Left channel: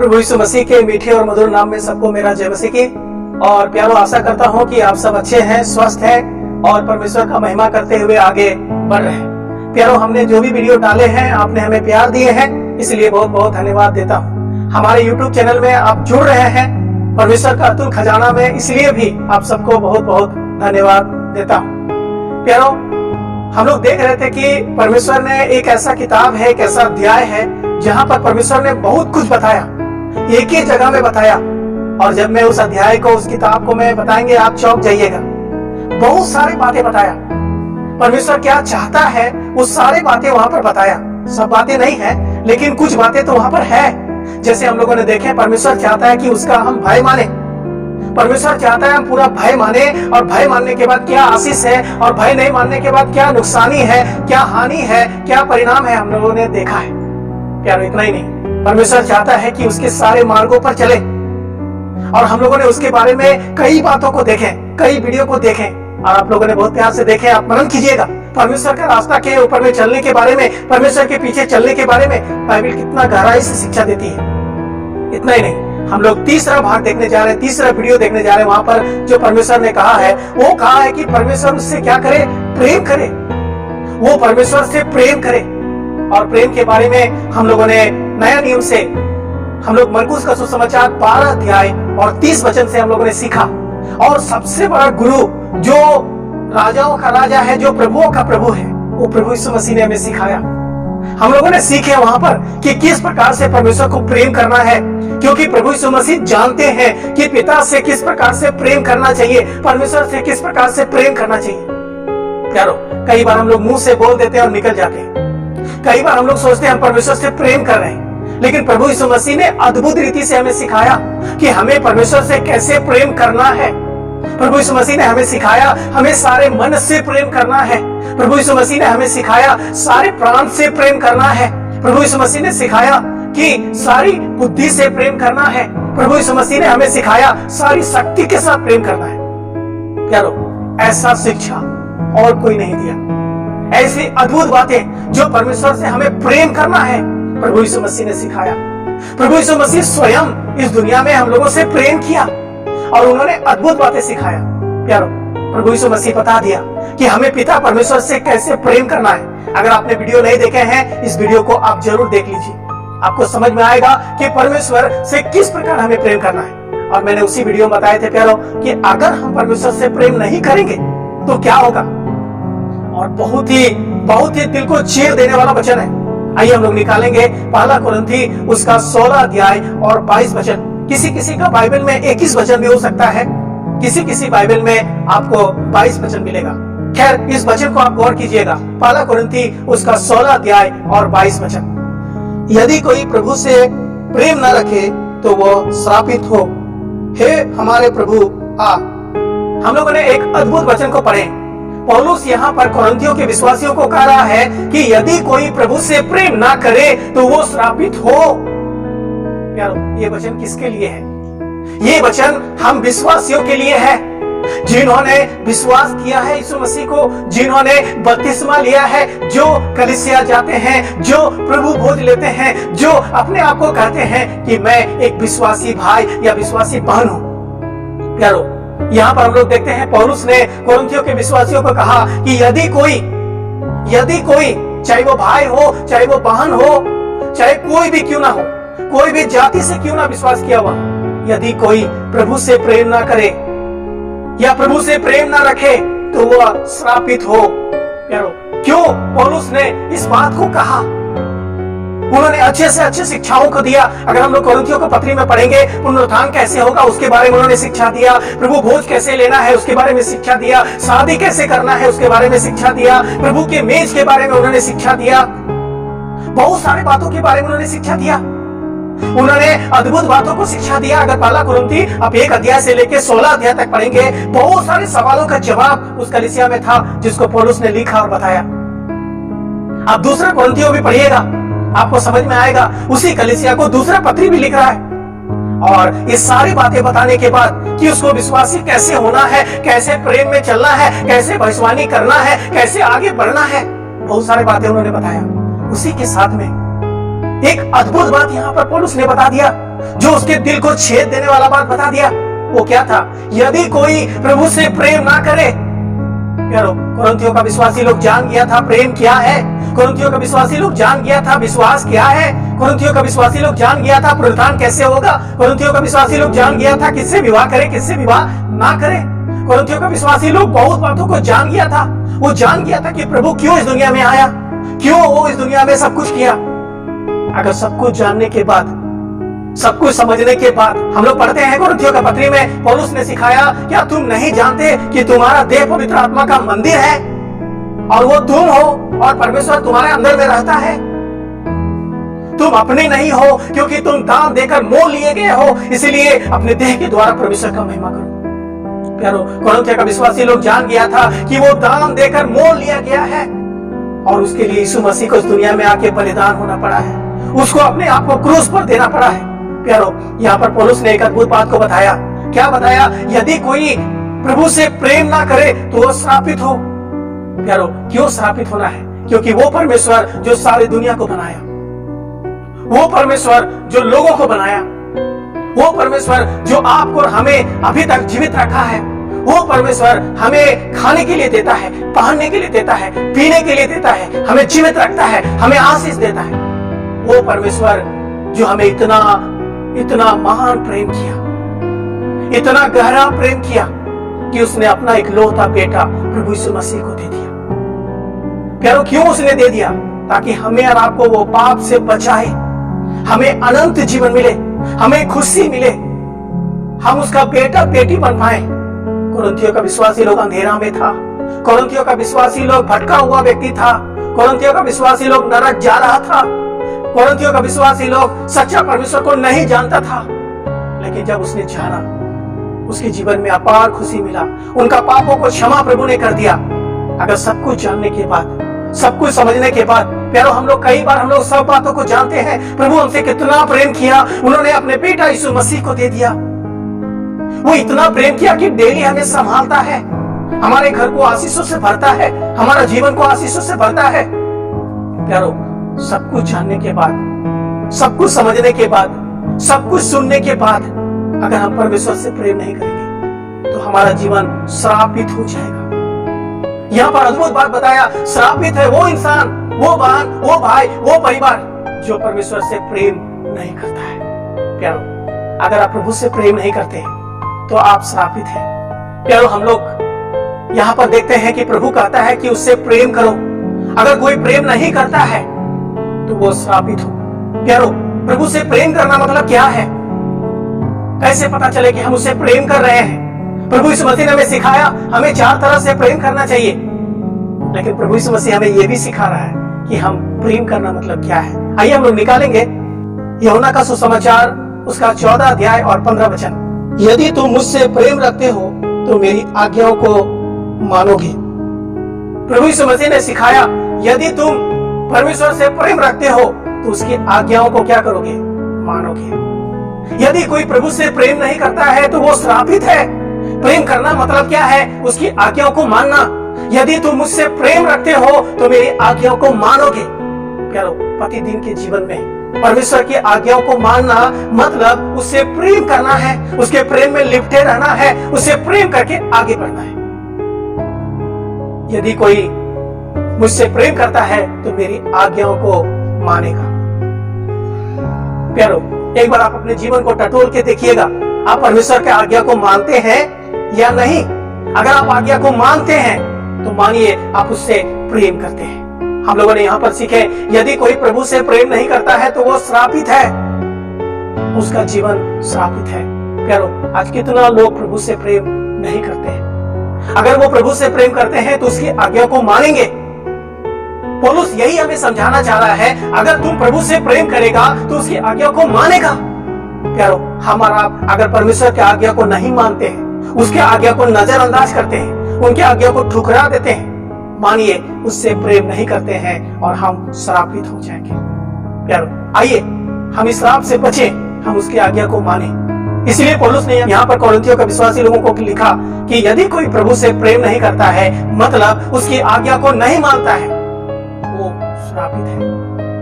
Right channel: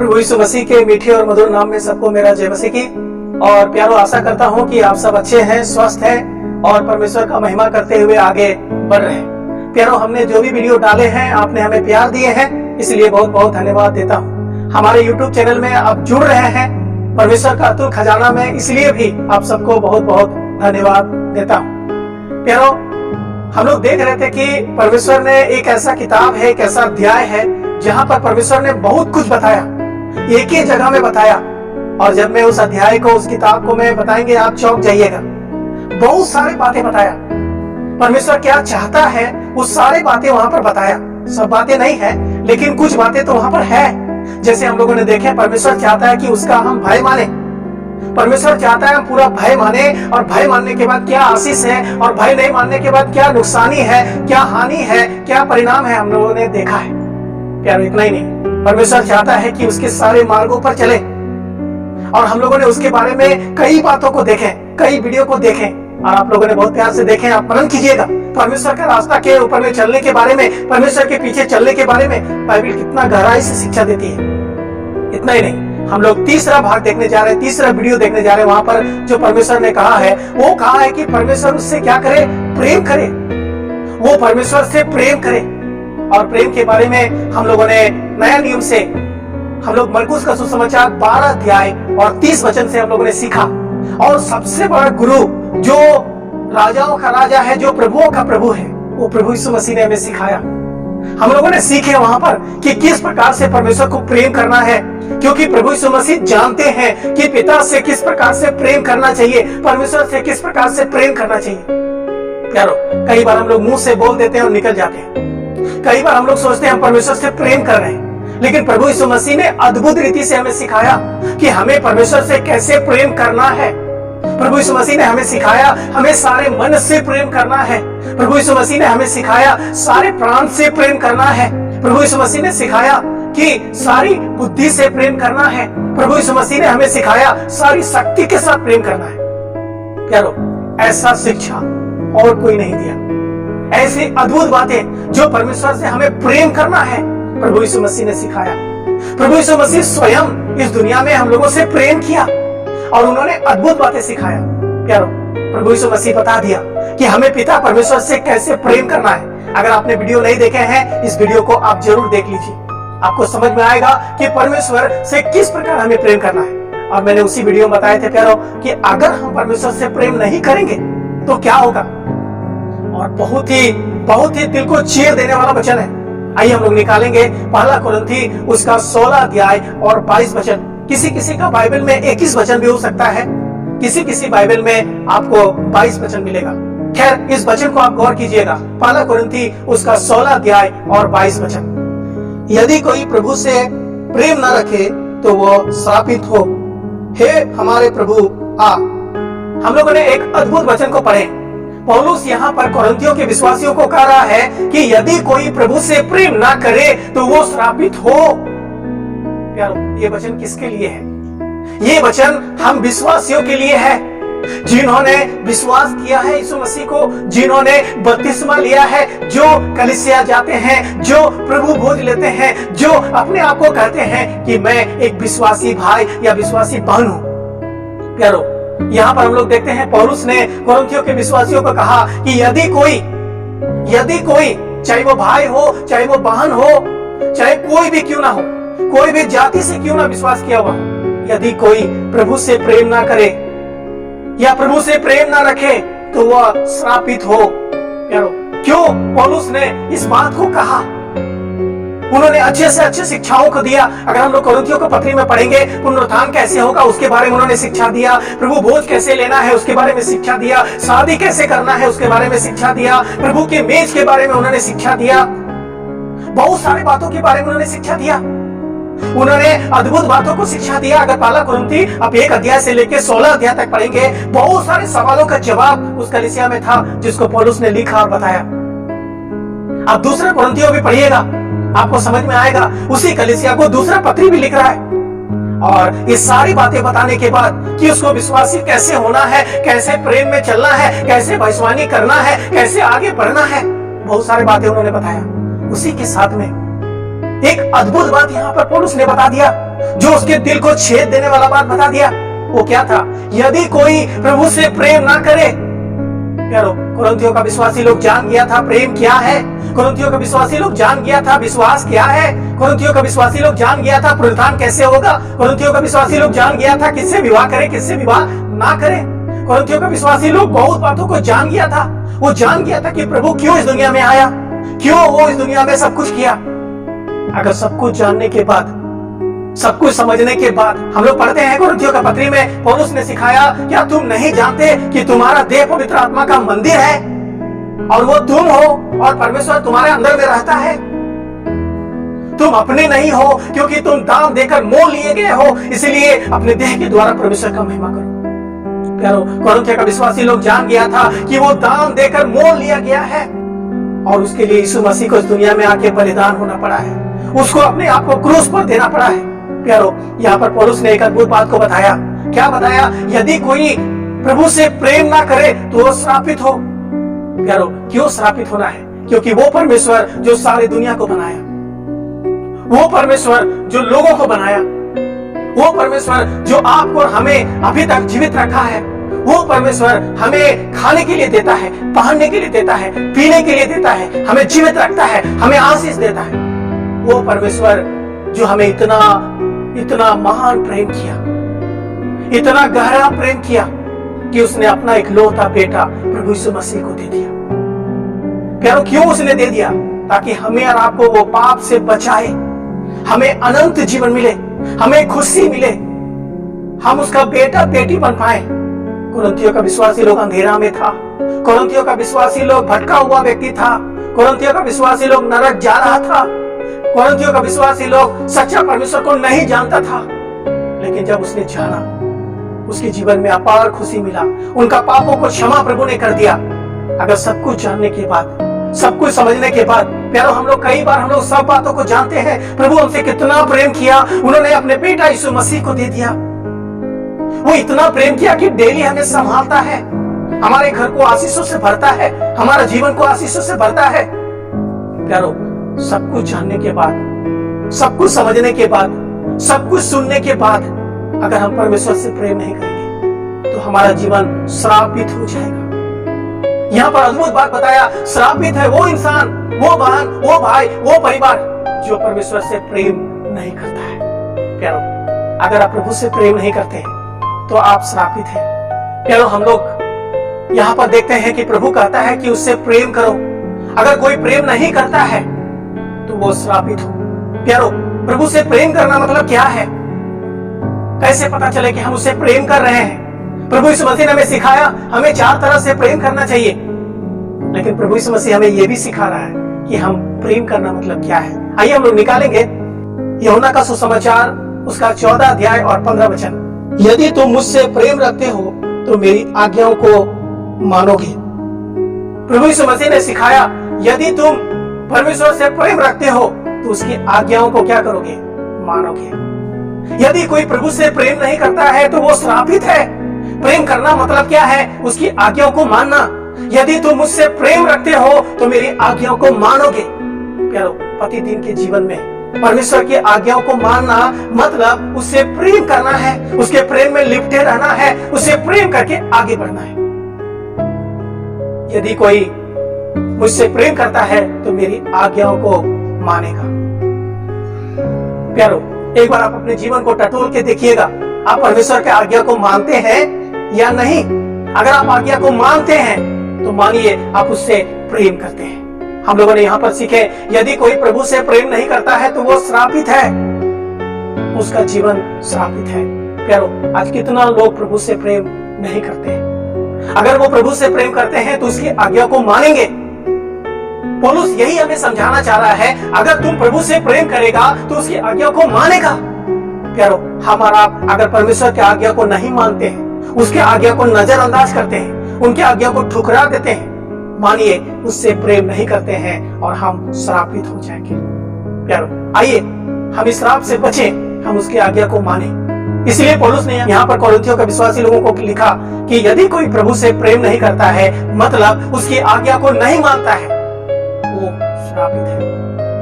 प्रभु यीशु मसीह के मीठे और मधुर नाम में सबको मेरा जय मसीह की। और प्यारो, आशा करता हूँ कि आप सब अच्छे हैं, स्वस्थ हैं और परमेश्वर का महिमा करते हुए आगे बढ़ रहे हैं। प्यारो, हमने जो भी वीडियो डाले हैं, आपने हमें प्यार दिए हैं, इसलिए बहुत बहुत धन्यवाद देता हूँ। हमारे YouTube चैनल में आप जुड़ रहे हैं परमेश्वर का अतुल खजाना में, इसलिए भी आप सबको बहुत बहुत धन्यवाद देता हूँ। प्यारो, हम लोग देख रहे थे कि परमेश्वर ने एक ऐसा किताब है, एक ऐसा अध्याय है जहाँ पर परमेश्वर ने बहुत कुछ बताया, एक ही जगह में बताया। और जब मैं उस अध्याय को, उस किताब को मैं बताएंगे, आप चौंक जाइएगा। बहुत सारी बातें बताया, परमेश्वर क्या चाहता है वो सारी बातें वहां पर बताया। सब बातें नहीं है, लेकिन कुछ बातें तो वहां पर है। जैसे हम लोगों ने देखे, परमेश्वर चाहता है कि उसका हम भय माने। परमेश्वर चाहता है हम पूरा भय माने, और भय मानने के बाद क्या आशीष है, और भय नहीं मानने के बाद क्या नुकसानी है, क्या हानि है, क्या परिणाम है, हम लोगों ने देखा है। प्यारो, इतना ही नहीं, परमेश्वर चाहता है कि उसके सारे मार्गों पर चले। और हम लोगों ने उसके बारे में कई बातों को देखें, कई वीडियो को देखें, और आप लोगों ने बहुत प्यार से देखें। आप मनन कीजिएगा परमेश्वर का रास्ता के ऊपर में चलने के बारे में, परमेश्वर के पीछे चलने के बारे में बाइबल कितना गहराई से शिक्षा देती है। इतना ही नहीं, हम लोग तीसरा भाग देखने जा रहे हैं, तीसरा वीडियो देखने जा रहे हैं। वहां पर जो परमेश्वर ने कहा है, वो कहा है कि परमेश्वर उससे क्या करे, प्रेम करे। वो परमेश्वर से प्रेम करे। और प्रेम के बारे में हम लोगों ने नया नियम से, हम लोग मरकुस का सुसमाचार 12 अध्याय और 30 वचन से हम लोगों ने सीखा। और सबसे बड़ा गुरु, जो राजाओं का राजा है, जो प्रभुओं का प्रभु है, वो प्रभु यीशु मसीह ने हमें सिखाया। हम लोगों ने सीखे वहां पर कि किस प्रकार से परमेश्वर को प्रेम करना है, क्योंकि प्रभु यीशु मसीह जानते हैं कि पिता से किस प्रकार से प्रेम करना चाहिए, परमेश्वर से किस प्रकार से प्रेम करना चाहिए। प्यारो, कई बार हम लोग मुंह से बोल देते हैं और निकल जाते हैं। कई बार हम लोग सोचते हैं हम परमेश्वर से प्रेम कर रहे हैं, लेकिन प्रभु यीशु मसीह ने अद्भुत रीति से हमें सिखाया कि हमें परमेश्वर से कैसे प्रेम करना है। प्रभु यीशु मसीह ने हमें सिखाया हमें सारे मन से प्रेम करना है। प्रभु यीशु मसीह ने हमें सिखाया सारे प्राण से प्रेम करना है। प्रभु यीशु मसीह ने सिखाया कि सारी बुद्धि से प्रेम करना है। प्रभु यीशु मसीह ने हमें सिखाया सारी शक्ति के साथ प्रेम करना है। प्यारो, ऐसा शिक्षा और कोई नहीं दिया। ऐसी अद्भुत बातें जो परमेश्वर से हमें प्रेम करना है, प्रभु यीशु मसीह ने सिखाया। प्रभु यीशु मसीह स्वयं इस दुनिया में हम लोगों से प्रेम किया और उन्होंने अद्भुत बातें सिखाया। प्यारो, प्रभु यीशु मसीह बता दिया कि हमें पिता परमेश्वर से कैसे प्रेम करना है। अगर आपने वीडियो नहीं देखे हैं, इस वीडियो को आप जरूर देख लीजिए। आपको समझ में आएगा कि परमेश्वर से किस प्रकार हमें प्रेम करना है। और मैंने उसी वीडियो में बताए थे प्यारो कि अगर हम परमेश्वर से प्रेम नहीं करेंगे तो क्या होगा। और बहुत ही दिल को चीर देने वाला वचन है। आइए हम लोग निकालेंगे पहला कुरिन्थी उसका 16 अध्याय और 22 वचन। किसी किसी का बाइबल में 21 वचन भी हो सकता है, किसी बाइबल में आपको 22 वचन मिलेगा। खैर, इस वचन को आप गौर कीजिएगा। पहला कुरिन्थी उसका 16 अध्याय और 22 वचन। यदि कोई प्रभु से प्रेम न रखे तो वो श्रापित हो। हे हमारे प्रभु आ। हम लोगों ने एक अद्भुत वचन को पढ़े। पौलुस यहाँ पर कोरिन्थियों के विश्वासियों को कह रहा है कि यदि कोई प्रभु से प्रेम ना करे तो वो श्रापित हो। प्यारो, ये वचन किसके लिए है? ये वचन हम विश्वासियों के लिए है, जिन्होंने विश्वास किया है यीशु मसीह को, जिन्होंने बपतिस्मा लिया है, जो कलीसिया जाते हैं, जो प्रभु भोज लेते हैं, जो अपने आप को कहते हैं कि मैं एक विश्वासी भाई या विश्वासी बहन हूं। प्यारो, यहाँ पर हम लोग देखते हैं पौलुस ने कोरिन्थियों के विश्वासियों को कहा कि यदि कोई चाहे वो भाई हो, चाहे वो बहन हो, चाहे कोई भी क्यों ना हो, कोई भी जाति से क्यों ना विश्वास किया हुआ, यदि कोई प्रभु से प्रेम ना करे या प्रभु से प्रेम ना रखे तो वह श्रापित हो। प्यारो, क्यों पौलुस ने इस बात को कहा? उन्होंने अच्छे से अच्छे शिक्षाओं को दिया। अगर हम लोग कोरिन्थियों को पत्री में पढ़ेंगे, पुनरुत्थान कैसे होगा उसके बारे में उन्होंने शिक्षा दिया, प्रभु भोज कैसे लेना है उसके बारे में शिक्षा दिया, शादी कैसे करना है उसके बारे में शिक्षा दिया, प्रभु के मेज के बारे में उन्होंने शिक्षा दिया, बहुत सारी बातों के बारे में उन्होंने शिक्षा दिया। उन्होंने अद्भुत बातों को शिक्षा दिया। अगर पहला कुरिन्थी आप 1 अध्याय से लेकर 16 अध्याय तक पढ़ेंगे, बहुत सारे सवालों का जवाब उस कलीसिया में था जिसको पौलुस ने लिखा और बताया। आप दूसरा कुरिन्थियों भी पढ़िएगा, आपको समझ में आएगा। उसी कलीसिया को दूसरा पत्री भी लिख रहा है, और ये सारी बातें बताने के बाद कि उसको विश्वासी कैसे होना है, कैसे प्रेम में चलना है, कैसे भविष्यवाणी करना है, कैसे आगे बढ़ना है, बहुत सारी बातें उन्होंने बताया। उसी के साथ में एक अद्भुत बात यहाँ पर पौलुस ने बता दिया, जो उसके दिल को छेद देने वाला बात बता दिया। वो क्या था? यदि कोई प्रभु से प्रेम ना करे। प्यारो, कुरिन्थियों का विश्वासी लोग जान गया था प्रेम क्या है। कुरिन्थियों का विश्वासी लोग जान गया था विश्वास क्या है। कुरिन्थियों का विश्वासी लोग जान गया था पुनरुत्थान कैसे होगा। कुरिन्थियों का विश्वासी लोग जान गया था किससे विवाह करे, किससे विवाह ना करे। कुरिन्थियों का विश्वासी लोग बहुत बातों को जान गया था। वो जान गया था कि प्रभु क्यों इस दुनिया में आया, क्यों वो इस दुनिया में सब कुछ किया। अगर सब कुछ जानने के बाद, सब कुछ समझने के बाद, हम लोग पढ़ते हैं कुरिन्थियों का पत्री में पौलुस ने सिखाया, क्या तुम नहीं जानते कि तुम्हारा देह पवित्र आत्मा का मंदिर है और वो तुम हो और परमेश्वर तुम्हारे अंदर में रहता है। तुम अपने नहीं हो, क्योंकि तुम दाम देकर मोल लिए गए हो, इसलिए अपने देह के द्वारा परमेश्वर का महिमा करो। प्यारो, कुरिन्थियों का विश्वासी लोग जान गया था कि वो दाम देकर मोल लिया गया है और उसके लिए यीशु मसीह को इस दुनिया में आके बलिदान होना पड़ा है, उसको अपने आप को क्रूस पर देना पड़ा है। प्यारो, यहाँ पर पौलुस ने एक अद्भुत बात को बताया। क्या बताया? यदि कोई प्रभु से प्रेम ना करे तो वो श्रापित हो। प्यारो, क्यों श्रापित होना है? क्योंकि वो परमेश्वर जो सारी दुनिया को बनाया, वो परमेश्वर जो लोगों को बनाया, वो परमेश्वर जो आपको और हमें अभी तक जीवित रखा है, वो परमेश्वर हमें खाने के लिए देता है, पहनने के लिए देता है, पीने के लिए देता है, हमें जीवित रखता है, हमें आशीष देता है। वो परमेश्वर जो हमें इतना महान प्रेम किया, इतना गहरा प्रेम किया कि उसने अपना इकलौता बेटा प्रभु यीशु मसीह को दे दिया। प्यारो, क्यों उसने दे दिया? ताकि हमें और आपको वो पाप से बचाए, हमें अनंत जीवन मिले, हमें खुशी मिले, हम उसका बेटा बेटी बन पाए। कुरिन्थियों का विश्वासी लोग अंधेरा में था, कुरिन्थियों का विश्वासी लोग भटका हुआ व्यक्ति था, कुरिन्थियों का विश्वासी लोग नरक जा रहा था, कुरिन्थियों का विश्वासी लोग सच्चा परमेश्वर को नहीं जानता था। लेकिन जब उसने जाना, उसके जीवन में अपार खुशी मिला, उनका पापों को क्षमा प्रभु ने कर दिया। अगर सब कुछ जानने के बाद, सब कुछ समझने के बाद, प्यारो, हम लोग कई बार हम लोग सब बातों को जानते हैं। प्रभु हमसे कितना प्रेम किया, उन्होंने अपने बेटा यीशु मसीह को दे दिया। वो इतना प्रेम किया कि डेली हमें संभालता है, हमारे घर को आशीषों से भरता है, हमारा जीवन को आशीषों से भरता है। प्यारो, सब कुछ जानने के बाद, सब कुछ समझने के बाद, सब कुछ सुनने के बाद, अगर हम परमेश्वर से प्रेम नहीं करेंगे तो हमारा जीवन श्रापित हो जाएगा। यहाँ पर अद्भुत बात बताया, श्रापित है वो इंसान, वो बहन, वो भाई, वो परिवार जो परमेश्वर से प्रेम नहीं करता है। प्यारो, अगर आप प्रभु से प्रेम नहीं करते तो आप श्रापित हैं। प्यारो, हम लोग यहाँ पर देखते हैं कि प्रभु कहता है कि उससे प्रेम करो। अगर कोई प्रेम नहीं करता है तो वो श्रापित हो। प्यारो, प्रभु से प्रेम करना मतलब क्या है? कैसे पता चले कि हम उससे प्रेम कर रहे हैं? प्रभु यीशु मसीह ने हमें सिखाया, हमें 4 तरह से प्रेम करना चाहिए। लेकिन प्रभु यीशु मसीह हमें यह भी सिखा रहा है कि हम प्रेम करना मतलब क्या है। आइए हम लोग निकालेंगे यूहन्ना का सुसमाचार, उसका 14 अध्याय और 15 वचन। यदि तुम मुझसे प्रेम रखते हो तो मेरी आज्ञाओं को मानोगे। प्रभु यीशु मसीह ने सिखाया, यदि तुम परमेश्वर से प्रेम रखते हो तो उसकी आज्ञाओं को क्या करोगे? मानोगे। यदि कोई प्रभु से प्रेम नहीं करता है तो वो श्रापित है। प्रेम करना मतलब क्या है? उसकी आज्ञाओं को मानना। यदि तुम मुझसे प्रेम रखते हो तो मेरी आज्ञाओं को मानोगे। प्यारो, प्रतिदिन के जीवन में परमेश्वर की आज्ञाओं को मानना मतलब उससे प्रेम करना है, उसके प्रेम में लिपटे रहना है, उससे प्रेम करके आगे बढ़ना है। यदि कोई मुझसे प्रेम करता है तो मेरी आज्ञाओं को मानेगा। प्यारो, एक बार आप अपने जीवन को टटोल के देखिएगा, आप परमेश्वर के आज्ञा को मानते हैं या नहीं? अगर आप आज्ञा को मानते हैं तो मानिए आप उससे प्रेम करते हैं। हम लोगों ने यहाँ पर सीखे, यदि कोई प्रभु से प्रेम नहीं करता है तो वो श्रापित है, उसका जीवन श्रापित है। प्यारो, आज कितना लोग प्रभु से प्रेम नहीं करते हैं। अगर वो प्रभु से प्रेम करते हैं तो उसकी आज्ञा को मानेंगे। पौलुस यही हमें समझाना चाह रहा है, अगर तुम प्रभु से प्रेम करेगा तो उसकी आज्ञा को मानेगा। प्यारो, हमारा अगर परमेश्वर की आज्ञा को नहीं मानते हैं, उसके आज्ञा को नजरअंदाज करते हैं, उनके आज्ञा को ठुकरा देते हैं, मानिए उससे प्रेम नहीं करते हैं और हम श्रापित हो जाएंगे। प्यारो, आइए हम इस श्राप से बचें, हम उसकी आज्ञा को माने। इसलिए पौलुस ने यहाँ पर कोरिन्थियों के विश्वासी लोगों को लिखा कि यदि कोई प्रभु से प्रेम नहीं करता है मतलब उसकी आज्ञा को नहीं मानता है, वो श्रापित है।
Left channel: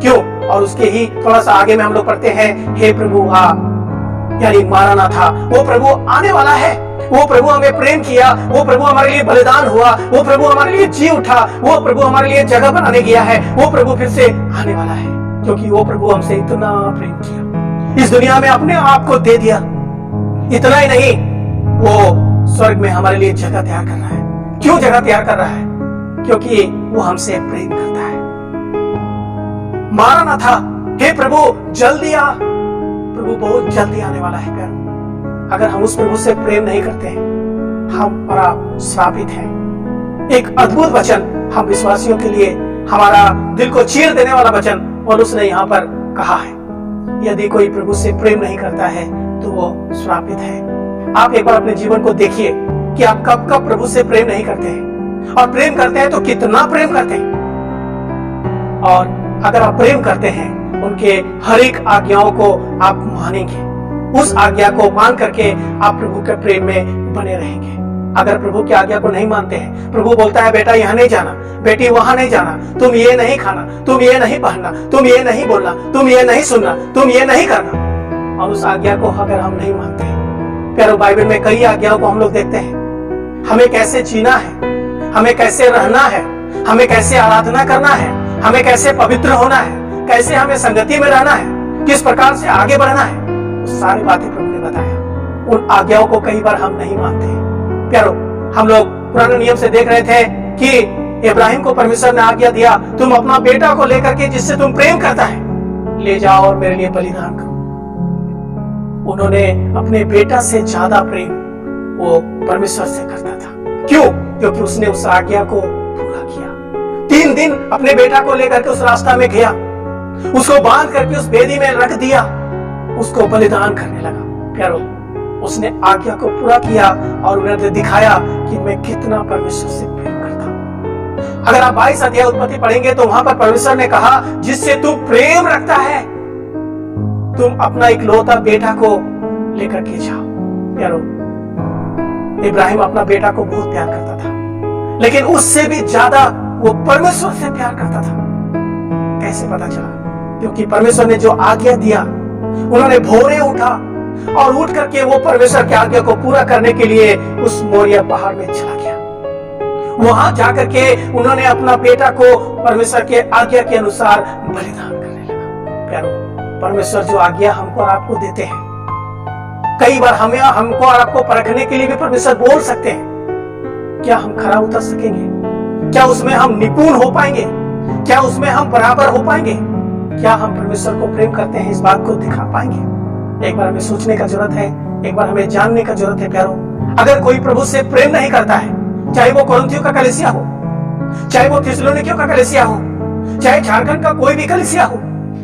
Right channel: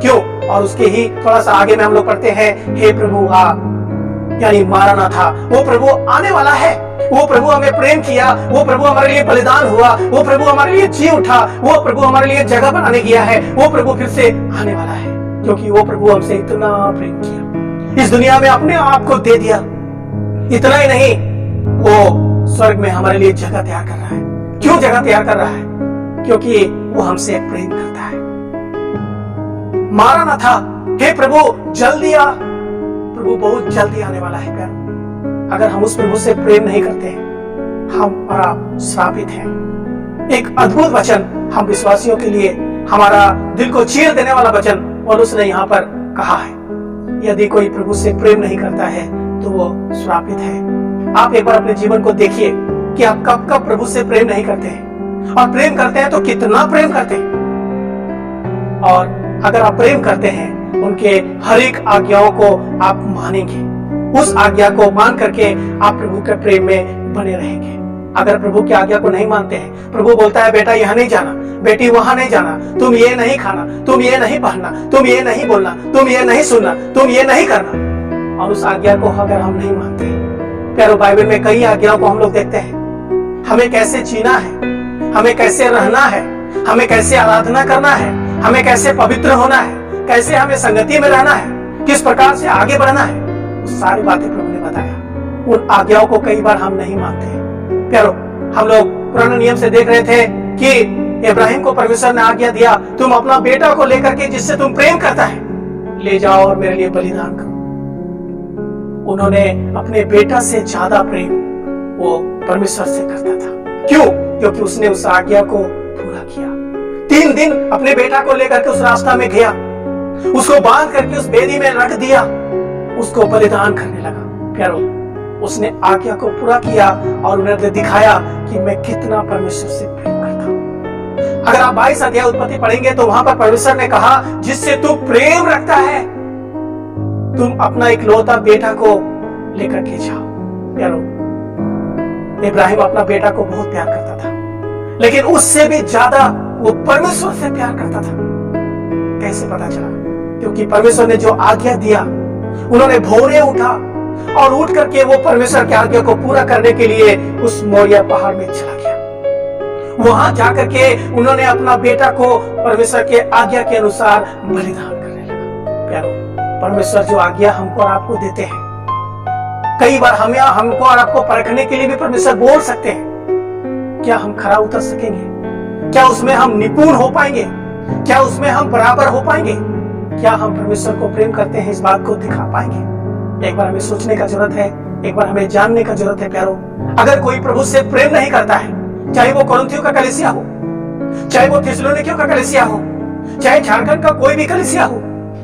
क्यों? और उसके ही थोड़ा सा आगे में हम लोग पढ़ते हैं, हे प्रभु आ, यानी मारनाथा, वो प्रभु आने वाला है। वो प्रभु हमें प्रेम किया, वो प्रभु हमारे लिए बलिदान हुआ, वो प्रभु हमारे लिए जी उठा, वो प्रभु हमारे लिए जगह बनाने गया है, वो प्रभु फिर से आने वाला है, क्योंकि वो प्रभु हमसे इतना प्रेम किया, इस दुनिया में अपने आप को दे दिया। इतना ही नहीं, वो स्वर्ग में हमारे लिए जगह तैयार कर रहा है। क्यों जगह तैयार कर रहा है? क्योंकि वो हमसे प्रेम करता है। मारनाथा, हे प्रभु जल्दी आ, प्रभु बहुत जल्दी आने वाला है प्यार। अगर हम उस प्रभु से प्रेम नहीं करते हैं, हम और आप श्रापित हैं। एक अद्भुत वचन हम विश्वासियों के लिए, हमारा दिल को चीर देने वाला वचन पौलुस ने यहाँ पर कहा है, यदि कोई प्रभु से प्रेम नहीं करता है तो वो श्रापित है। आप एक बार अपने जीवन को देखिए कि आप कब कब प्रभु से प्रेम नहीं करते हैं, और प्रेम करते हैं तो कितना प्रेम करते हैं। और अगर आप प्रेम करते हैं, उनके हर एक आज्ञाओं को आप मानेंगे, उस आज्ञा को मान करके आप प्रभु के प्रेम में बने रहेंगे। अगर प्रभु की आज्ञा को नहीं मानते हैं, प्रभु बोलता है बेटा यहाँ नहीं जाना, बेटी वहां नहीं जाना, तुम ये नहीं खाना, तुम ये नहीं पहनना, तुम ये नहीं बोलना, तुम ये नहीं सुनना, तुम ये नहीं करना, और उस आज्ञा को अगर हम नहीं मानते हैं, प्यारो बाइबल में कई आज्ञाओं को हम लोग देखते हैं, हमें कैसे जीना है, हमें कैसे रहना है, हमें कैसे आराधना करना है, हमें कैसे पवित्र होना है, कैसे हमें संगति में रहना है, किस प्रकार से आगे बढ़ना है, वो सारी बातें प्रभु ने बताया। उन आज्ञाओं को कई बार हम नहीं मानते हैं। प्यारो, हम लोग पुराने नियम से देख रहे थे कि इब्राहिम को परमेश्वर ने आज्ञा दिया, तुम अपना बेटा को लेकर के जिससे तुम प्रेम करता है ले जाओ और मेरे लिए बलिदान करो। उन्होंने अपने बेटा से ज्यादा प्रेम वो परमेश्वर से करता था। क्यों? क्योंकि उसने उस आज्ञा को पूरा किया। 3 दिन अपने बेटा को लेकर के उस रास्ता में गया, उसको बांध करके उस बेदी में रख दिया, उसको बलिदान करने लगा। प्यारो, उसने आज्ञा को पूरा किया और उन्हें दिखाया कि मैं कितना परमेश्वर से प्रेम करता हूं। अगर आप 22 अध्याय उत्पत्ति पढ़ेंगे तो वहां पर परमेश्वर ने कहा, जिससे तू प्रेम रखता है, तुम अपना इकलौता बेटा को लेकर के जाओ। प्यारो, इब्राहिम अपना बेटा को बहुत प्यार करता था, लेकिन उससे भी ज्यादा वो परमेश्वर से प्यार करता था। कैसे पता चला? क्योंकि परमेश्वर ने जो आज्ञा दिया, उन्होंने भोरे उठा और उठ करके वो परमेश्वर की आज्ञा को पूरा करने के लिए उस मोरिया पहाड़ में चला गया। वहां जाकर के उन्होंने अपना बेटा को परमेश्वर के आज्ञा के अनुसार बलिदान करने लगा। प्यारो, परमेश्वर जो आज्ञा हमको और आपको देते हैं, कई बार हमको और आपको परखने के लिए भी परमेश्वर बोल सकते हैं। क्या हम खरा उतर सकेंगे? क्या उसमें हम निपुण हो पाएंगे? क्या उसमें हम बराबर हो पाएंगे? क्या हम परमेश्वर को प्रेम करते हैं, इस बात को दिखा पाएंगे? एक बार हमें सोचने का जरूरत है, एक बार हमें जानने का जरूरत है। प्यारो, अगर कोई प्रभु से प्रेम नहीं करता है, चाहे वो कोरिन्थियों का कलीसिया हो, चाहे वो थिस्सलुनीकियों का कलीसिया हो, चाहे झारखंड का कोई भी कलीसिया हो,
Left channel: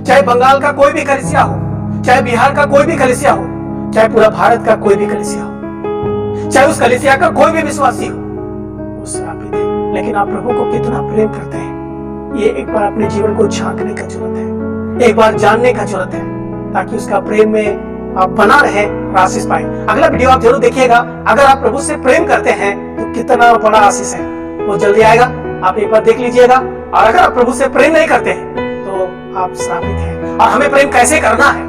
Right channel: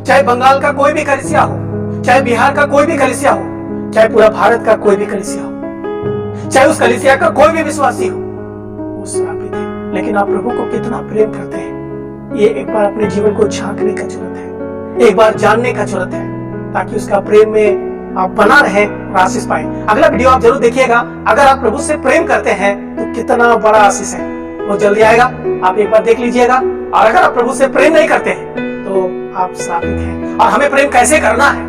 चाहे बंगाल का कोई भी कलीसिया हो, चाहे बिहार का कोई भी कलीसिया हो, चाहे पूरा भारत का कोई भी कलीसिया हो, चाहे उस कलीसिया का कोई भी विश्वासी हो, वो श्रापित है। लेकिन आप प्रभु को कितना प्रेम करते हैं, ये एक बार अपने जीवन को झांकने का जरूरत है, एक बार जानने का जरूरत है, ताकि उसका प्रेम में आप बना रहे और आशीष पाए। अगला वीडियो आप जरूर देखिएगा। अगर आप प्रभु से प्रेम करते हैं तो कितना बड़ा आशीष है, वो जल्दी आएगा, आप एक बार देख लीजिएगा। और अगर आप प्रभु से प्रेम नहीं करते हैं तो आप श्रापित हैं। और हमें प्रेम कैसे करना है,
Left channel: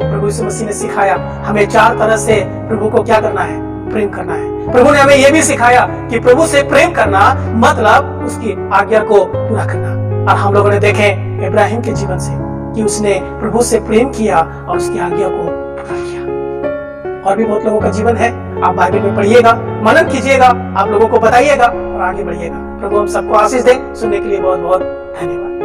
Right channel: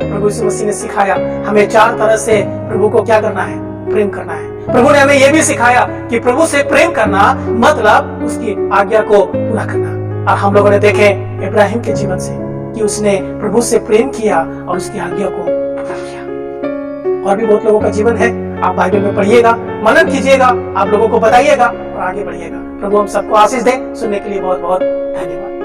प्रभु यीशु मसीह ने सिखाया। हमें 4 तरह से प्रभु को क्या करना है, प्रेम करना है। प्रभु ने हमें यह भी सिखाया कि प्रभु से प्रेम करना मतलब उसकी आज्ञा को पूरा करना। और हम लोगों ने देखे इब्राहिम के जीवन से कि उसने प्रभु से प्रेम किया और उसकी आज्ञा को पूरा किया। और भी बहुत लोगों का जीवन है, आप बाइबल में पढ़िएगा, मनन कीजिएगा, आप लोगों को बताइएगा और आगे बढ़िएगा। प्रभु हम सबको आशीष दे। सुनने के लिए बहुत बहुत धन्यवाद।